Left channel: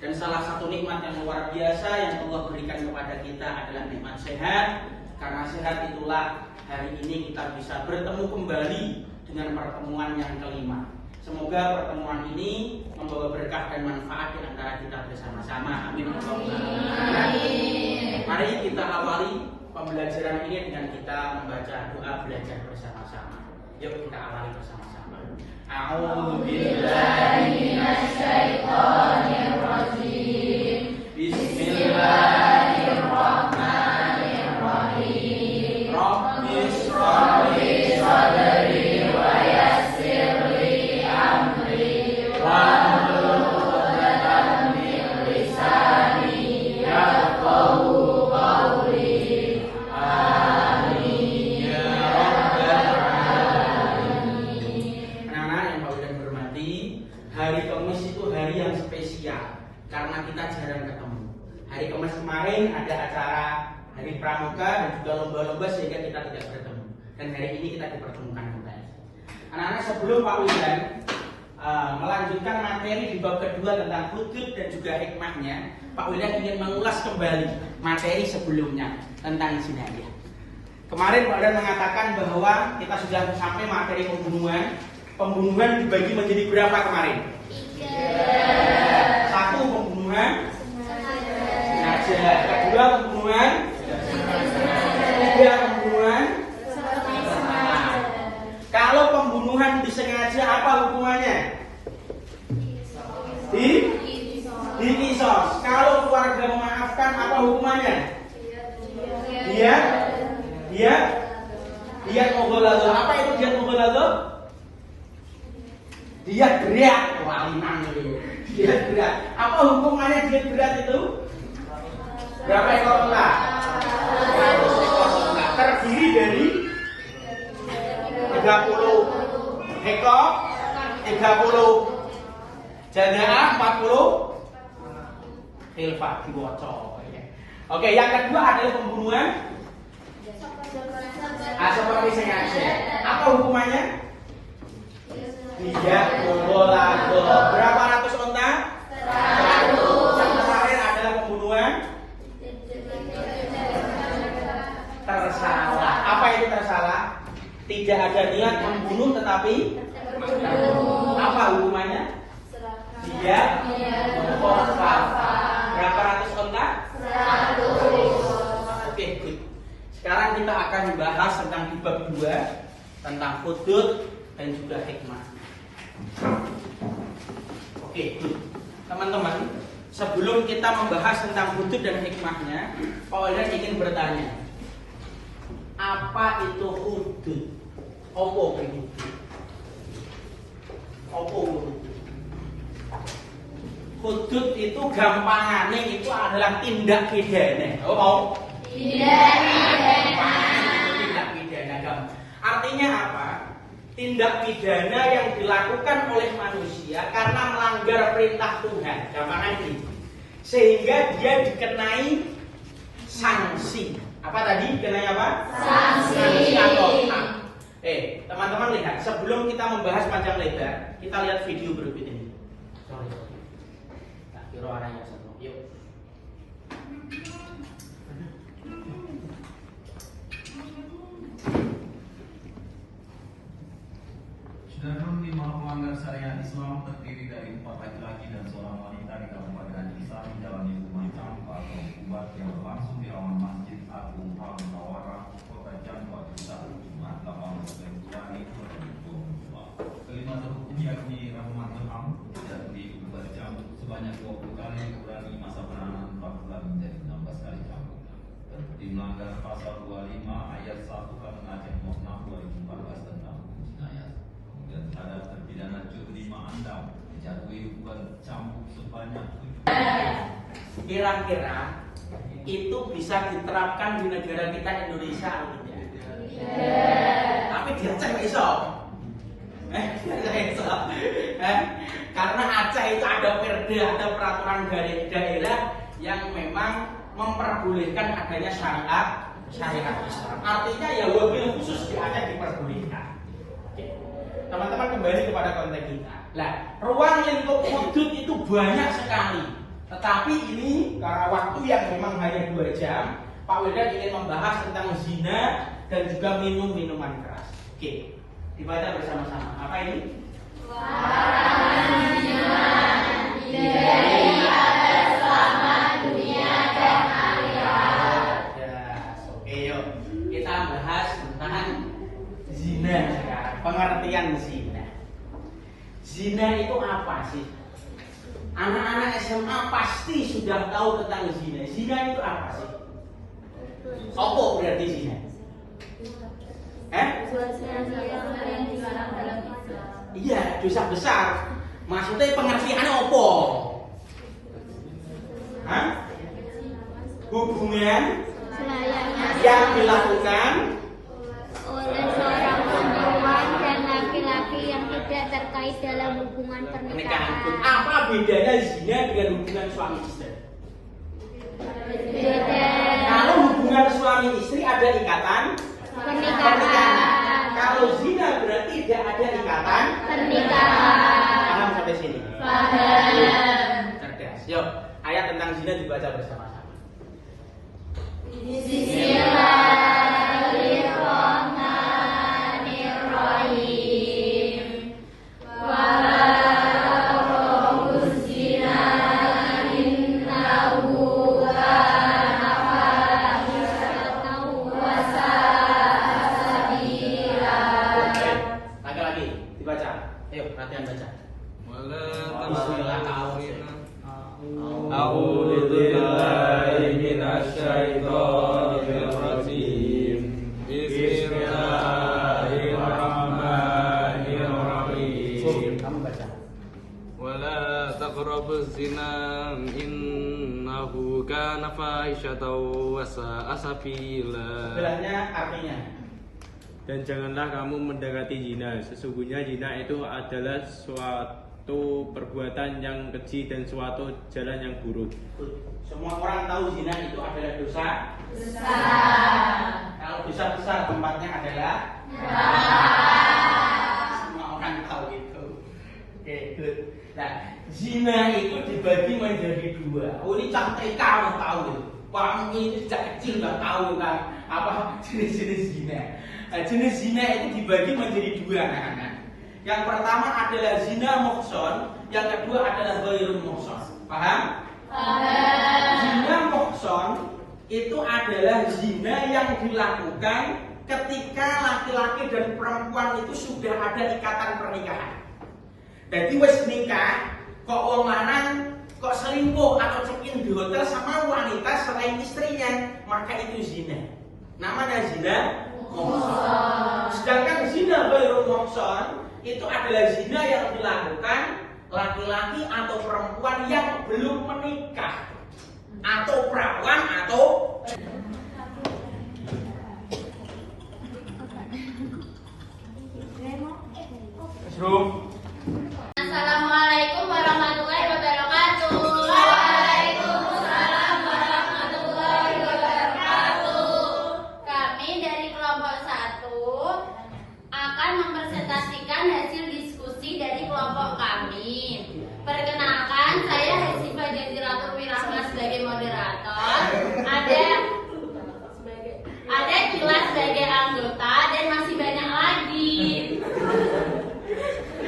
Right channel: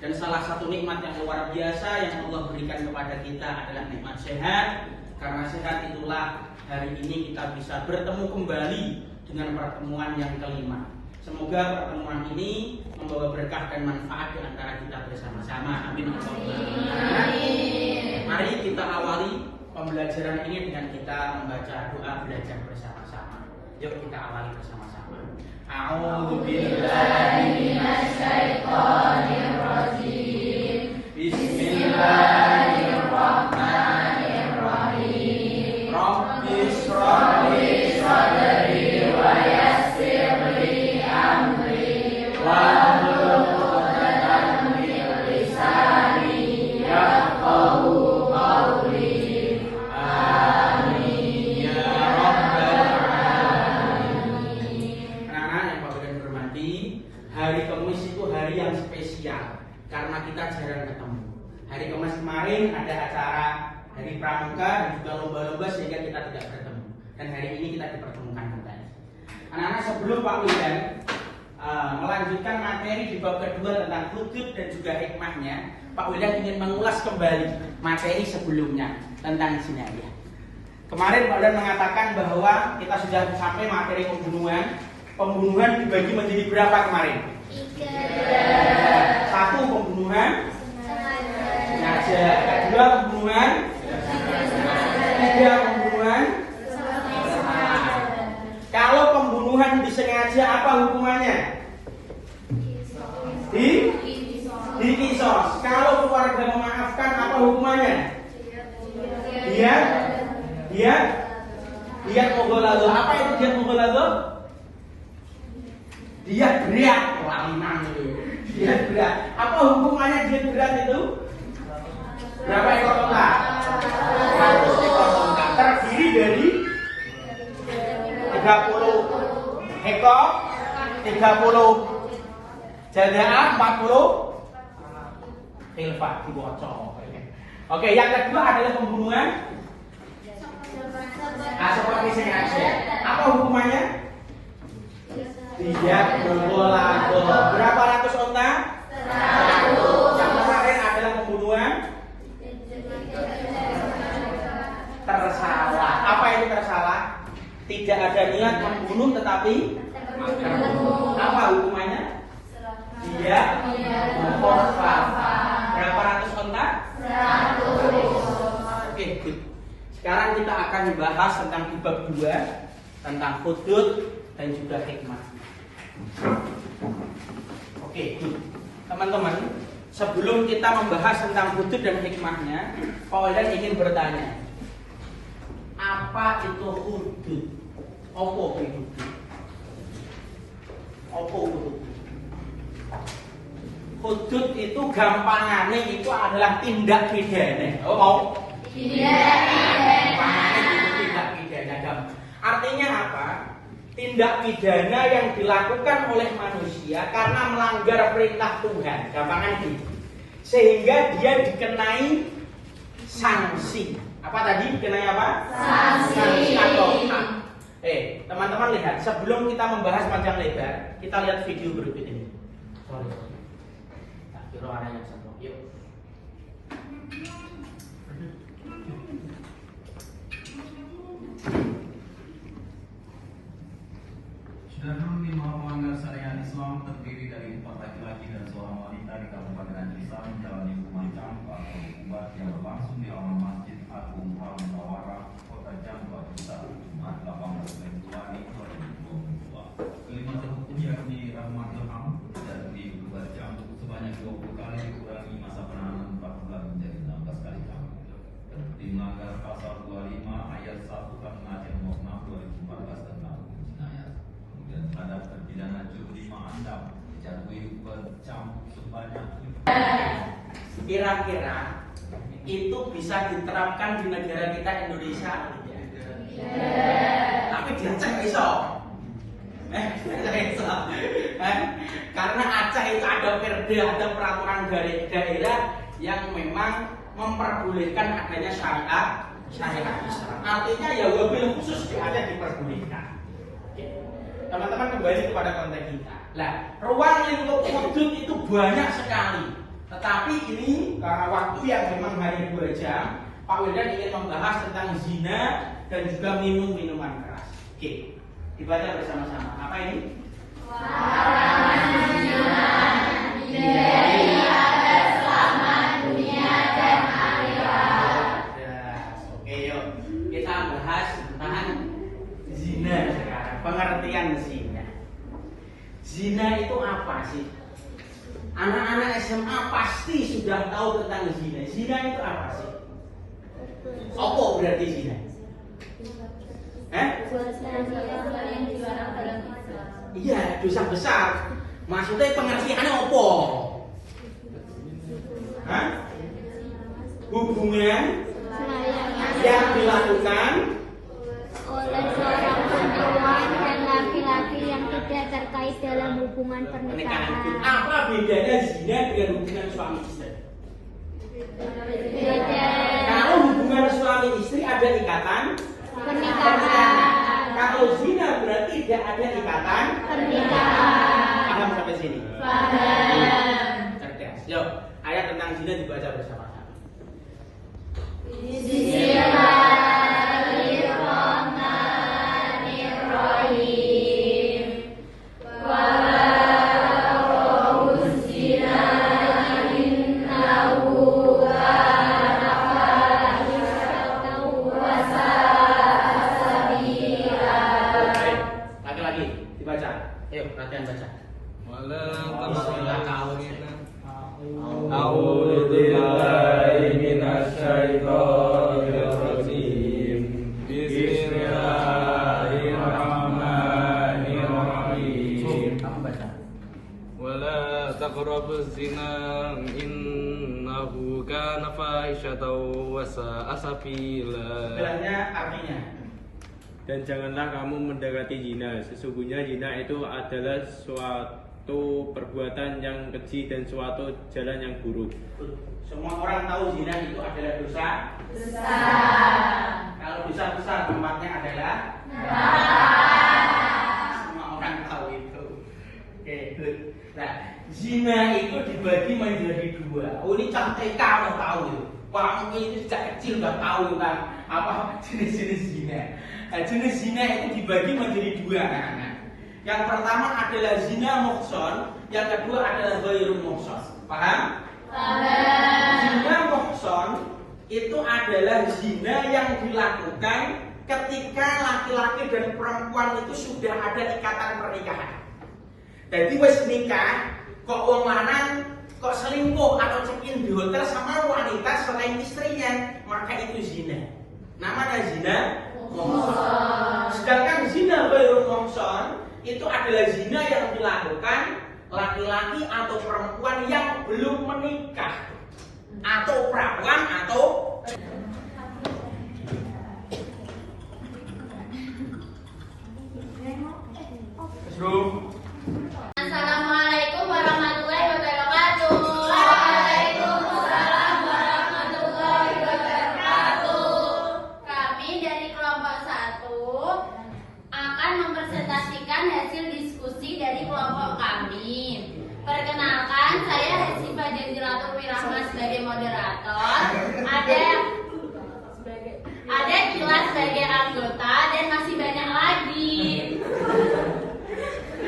Dan salah satu nikmat yang luar biasa yang Allah berikan kepada kita adalah nikmat sehat. Karena sehat itulah hari ini kita bisa bertemu kembali dengan pertemuan yang kelima. Semoga pertemuan ini membawa berkah dan manfaat di antara kita bersama-sama. Amin. Mari kita awali pembelajaran ini dengan kita membaca doa belajar bersama-sama. Yuk kita awali bersama-sama. A'udzu billahi minasy syaithanir rajim. Bismillahirrahmanirrahim. Rabbis shrah li sadri wa yassir li amri wahlul 'uqdatam min lisani yafqahu qawli. Amin ya rabbal alamin. Anak-anak yang Bapak dan hormati, hari Kamis itu hari yang spesial karena kita jarang ketemu. Hari Kamis kemarin ada acara hari pramuka dan juga lomba-lomba sehingga kita tidak bertemu. Dan hari ini kita dipertemukan kembali. Anak-anak, sebelum Pak Wildan melanjutkan materi di bab kedua tentang hudud dan juga hikmahnya, Pak Wildan ingin mengulas kembali materi sebelumnya tentang jinayah. Kemarin Pak Wildan mengatakan bahwa kita sudah sampai materi pembunuhan. Pembunuhan dibagi menjadi berapa kemarin? 3. Satu, pembunuhan sengaja. Kedua, pembunuhan. Tiga, pembunuhan. Kalau pembunuhan disengaja, apa hukumannya? Dikisos. Kalau keluarga memaafkan, apa hukumannya? Dia mogolago. Apa itu dia mogolago? Dia berat, walinan dulu. Dia berat. Apa hukumannya dia berat itu? Berapa ekor unta? 100 ekor unta. Terdiri dari 30 ekor, 30 jadaah, 40 khilfah dibocor. Oke, yang kedua adalah pembunuhan seperti sengaja. Apa hukumannya? Dia mogolago. Berapa ratus unta? 100. Yang kemarin adalah pembunuhan tersalah. Apa itu tersalah? Tidak ada niat membunuh tetapi apa hukumannya? Dia mukhafafah. Berapa ratus unta? 100. Oke, sekarang kita akan membahas tentang di bab 2 tentang hudud dan juga hikmah. Oke, teman-teman, sebelum kita membahas tentang hudud dan hikmahnya, Pak Wildan ingin bertanya, apa itu hudud? Apa itu hudud? Apa itu hudud? Hudud itu gampangannya itu adalah tindak pidana. Oh mau? Iya. Gampangannya itu tindak pidana. Artinya apa? Tindak pidana yang dilakukan oleh manusia karena melanggar perintah Tuhan, gampangan ini, sehingga dia dikenai sanksi. Apa tadi? Dikenai apa? Sanksi atau hak. Teman-teman lihat, sebelum kita membahas panjang lebar, kita lihat video berikut ini. Sorry. Tak kira arahnya satu. Yuk. Sudarlun lima melanggar syariat Islam terdiri dari 4 laki-laki dan seorang wanita di Kabupaten Isa menjalani hukuman campak atau hukuman yang berlangsung di halaman Masjid Agung Al Munawwarah, Kota Jambi, Jumat 18 Februari 2022. Kelima terhukum yakni Rahmat Ilham dari dibuat cambuk sebanyak 20 kali dikurangi masa penahanan 4 bulan menjadi 16 kali cambuk. Terbukti melanggar pasal 25 ayat 1 Permen Nomor 2014 tentang jinayat. Dan terhadap terpidana Jurima Andam dijatuhi hukuman cambuk sebanyak 7. Kira-kira itu bisa diterapkan di negara kita Indonesia atau tidak? Tapi di Aceh bisa. Karena Aceh itu ada perda, ada peraturan daerah yang memang memperbolehkan adanya syariat Islam. Artinya ya wabil khusus ada diperbolehkan. Teman-teman kembali kepada konteks kita. Nah, ruang lingkup hudud itu banyak sekali. Tetapi ini karena waktu yang memang hanya 2 jam, Pak Wildan ingin membahas tentang zina dan juga minum minuman keras. Oke, dibaca bersama-sama. Apa ini? Larangan zina dari atas selamat dunia dan akhirat. Oke, yuk kita bahas tentang zina sekarang. Pengertian zina. Zina itu apa sih? Anak-anak SMA pasti sudah tahu tentang zina. Zina itu apa sih? Apa berarti zina? Yang dilarang dalam Islam. Iya, dosa besar. Maksudnya pengertiannya apa? Hah? Hubungan yang dilakukan oleh seorang perempuan dan laki-laki yang tidak terkait dalam hubungan pernikahan. pernikahan. Apa bedanya zina dengan hubungan suami istri? Beda Kalau hubungan suami istri ada ikatan pernikahan. Kalau zina berarti tidak ada ikatan Pernikahan. Paham sampai sini? Paham. Cerdas. Yuk, ayat tentang zina dibaca bersama-sama. Bismillahirrahmanirrahim. Wala taqrabuz zina innahu kana fahishatan wa sa'a sabila. Lagi-lagi dibaca. Ayo, latihan baca. A'udzu billahi minasyaitonir rajim. Bismillahirrahmanirrahim. Kamu baca. Wala taqrabuz zina innahu kana fahishatan wa sa'a sabila. Bilangnya artinya. Dan janganlah kamu mendekati zina. Sesungguhnya zina itu adalah suatu perbuatan yang keji dan suatu jalan yang buruk. Semua orang tahu zina itu adalah dosa. Kalau dosa besar tempatnya adalah semua orang tahu itu. Oke, good. Nah, zina itu dibagi menjadi 2. Oh, ini TK udah tahu itu. Kamu ini sejak kecil udah tahu kan apa jenis-jenis zina. Nah, jenis zina itu dibagi menjadi 2, anak-anak. Yang pertama adalah zina muhson, yang kedua adalah ghairu muhson. Paham? Zina muhson itu adalah zina yang dilakukan ketika laki-laki dan perempuan itu sudah ada ikatan pernikahan. Jadi wis nikah, kok wong lanang kok selingkuh atau check-in di hotel sama wanita selain istrinya, maka itu zina. Namanya zina muhson. Sedangkan zina ghairu muhson itu adalah zina yang dilakukan laki-laki atau perempuan yang belum menikah atau perawan atau Assalamualaikum warahmatullahi wabarakatuh. Waalaikumsalam warahmatullahi wabarakatuh. Kami dari kelompok 1 akan mempresentasikan hasil diskusi dari kelompok kami. Perkenalkan, saya Hesifa Janjiratul Wirahma sebagai moderator. Ada Kilas sebagai anggota dan masih banyak lagi.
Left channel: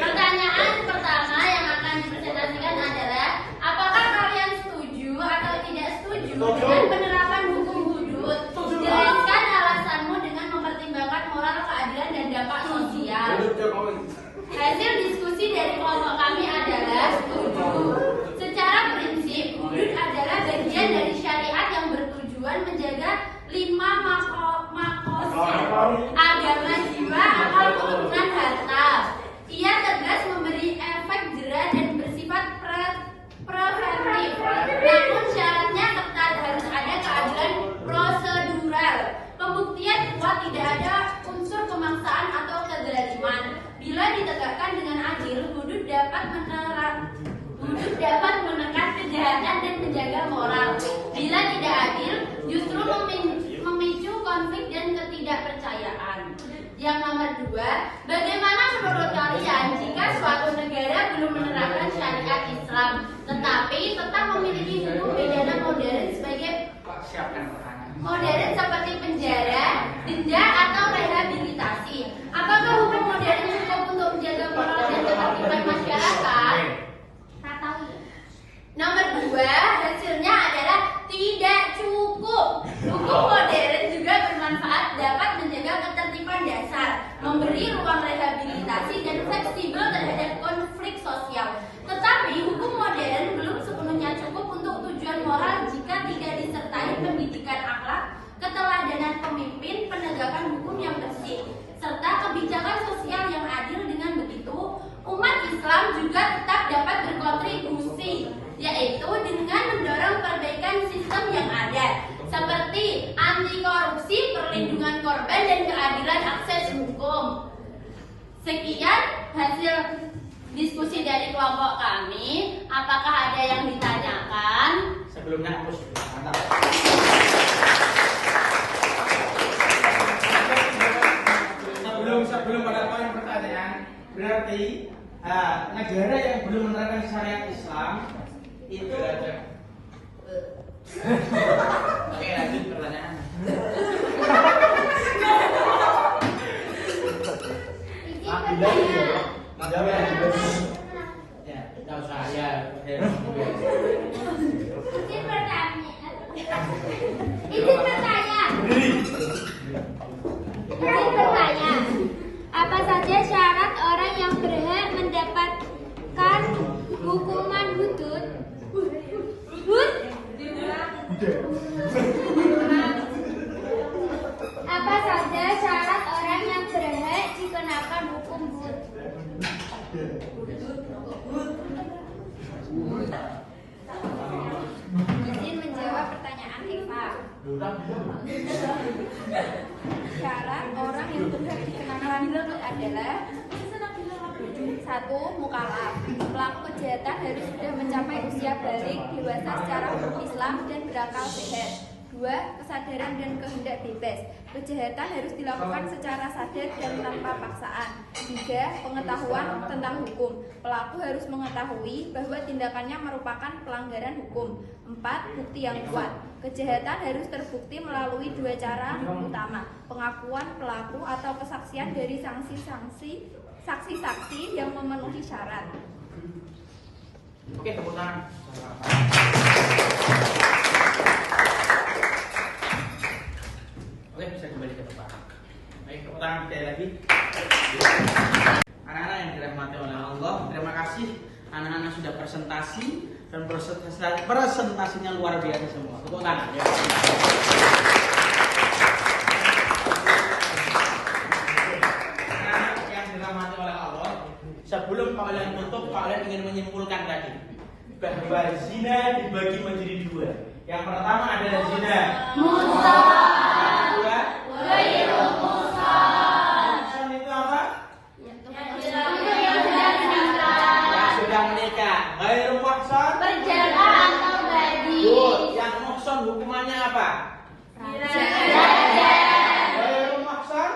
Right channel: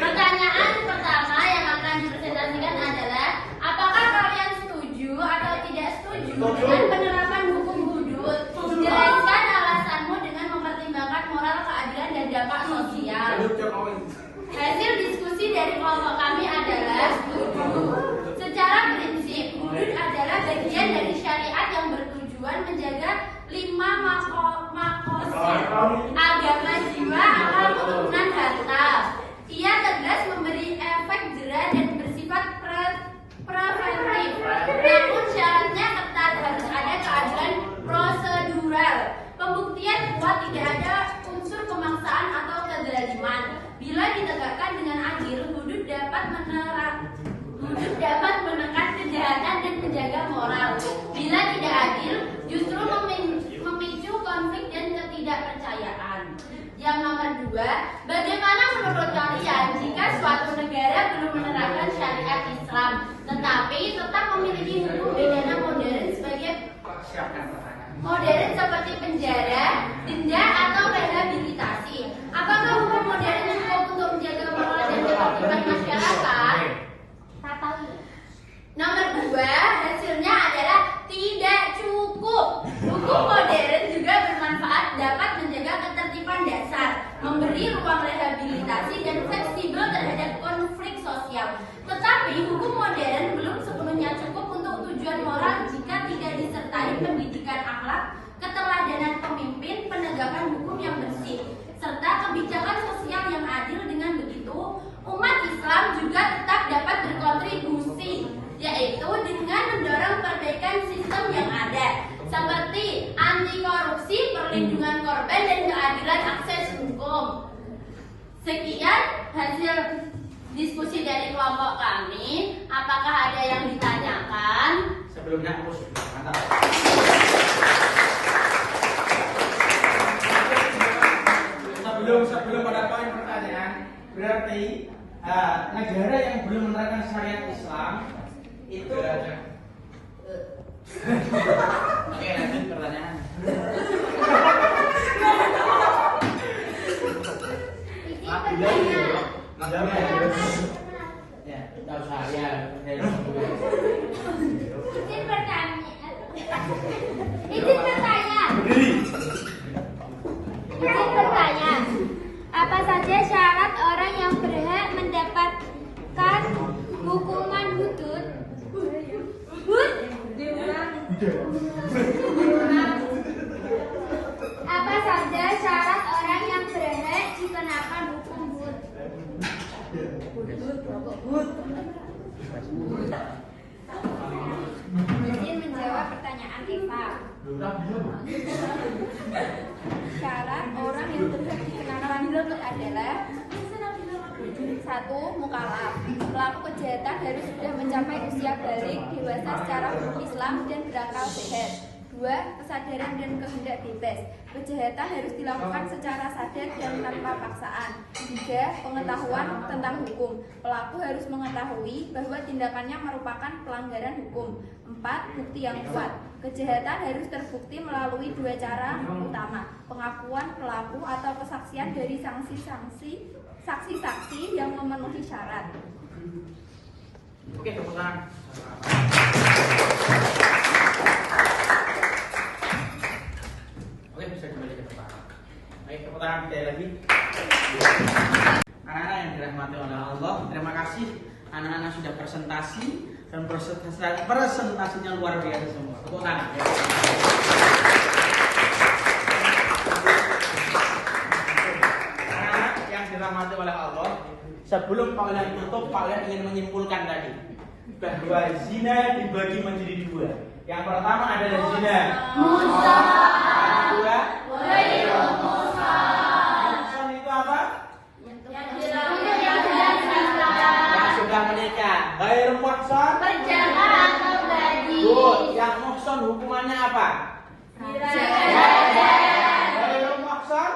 Pertanyaan pertama yang akan dipresentasikan adalah, apakah kalian setuju atau tidak setuju dengan penerapan hukum hudud? Jelaskan alasanmu dengan mempertimbangkan moral, keadilan, dan dampak sosial. Hasil diskusi dari kelompok kami adalah setuju. Secara prinsip, hudud adalah bagian dari syariat yang bertujuan menjaga 5 makosid agama, jiwa, akal, keturunan, harta. Ia tegas memberi efek jera dan bersifat preventif. Namun syaratnya ketat, harus ada keadilan prosedural. Pembuktian kuat, tidak ada unsur pemaksaan atau kezaliman. Bila ditegakkan dengan adil, hudud dapat menekan kejahatan dan menjaga moral. Bila tidak adil, justru memicu konflik dan ketidakpercayaan. Yang nomor 2, kedua, bagaimana menurut kalian jika suatu negara belum menerapkan syariat Islam, tetapi tetap memiliki hukum pidana modern sebagai modern seperti penjara, denda atau rehabilitasi? Apakah hukum modern cukup untuk menjaga moral dan ketertiban masyarakat? Nomor 2, hasilnya adalah tidak cukup. Hukum modern juga bermanfaat, dapat menjaga ketertiban dasar, memberi ruang rehabilitasi dan fleksibel terhadap konflik sosial. Tetapi hukum modern belum sepenuhnya cukup untuk tujuan moral jika tidak disertai pendidikan akhlak, keteladanan pemimpin, penegakan hukum yang bersih, serta kebijakan sosial yang adil. Dengan begitu, umat Islam juga tetap dapat berkontribusi, yaitu dengan mendorong perbaikan sistem yang ada, seperti anti korupsi, perlindungan korban, dan keadilan akses hukum. Sekian hasil diskusi dari kelompok kami. Apakah ada yang ditanyakan? Sebelumnya aku sudah mantap. Sebelum pada poin pertanyaan, berarti negara yang belum menerapkan syariat Islam itu. Oke, lanjut pertanyaan. Ya, tidak usah ya. Izin bertanya. Apa saja syarat orang yang berhak mendapatkan hukuman hudud? Apa saja syarat orang yang berhak dikenakan hukum hud? Izin menjawab pertanyaan Eva. Syarat orang yang berhak dikenakan hud adalah: 1. Mukalaf. Pelaku kejahatan harus sudah mencapai usia balik, dewasa secara hukum Islam, dan berakal sehat. 2. Kesadaran dan kehendak bebas. Kejahatan harus dilakukan secara sadar dan tanpa paksaan. 3. Pengetahuan tentang hukum. Pelaku harus mengetahui bahwa tindakannya merupakan pelanggaran hukum. 4. Bukti yang kuat. Kejahatan harus terbukti melalui 2 cara utama: pengakuan pelaku atau kesaksian dari saksi-saksi yang memenuhi syarat. Oke, tepuk tangan. Oke, bisa kembali ke tempat. Baik, tepuk tangan sekali lagi. Anak-anak yang dirahmati oleh Allah, terima kasih anak-anak sudah presentasi dan presentasinya luar biasa semua. Tepuk tangan. Ya. Anak-anak yang dirahmati oleh Allah, sebelum kalian tutup, kalian ingin menyimpulkan tadi bahwa zina dibagi menjadi 2. Yang pertama adalah zina muhsan. Yang kedua, ghairu muhsan. Muhsan itu apa? Yang sudah menikah. Ghairu muhsan, Berjala atau gadis. yang muhsan hukumannya apa? Ghairu muhsan,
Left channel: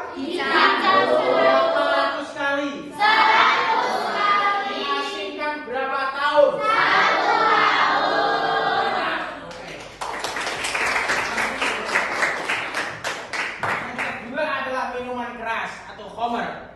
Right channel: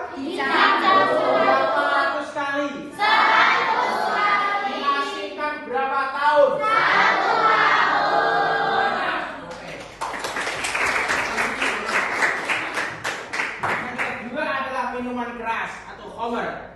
berapa sekali? 100 kali. Diasingkan berapa tahun? 1 tahun. Oke. Yang kedua adalah minuman keras atau khamr.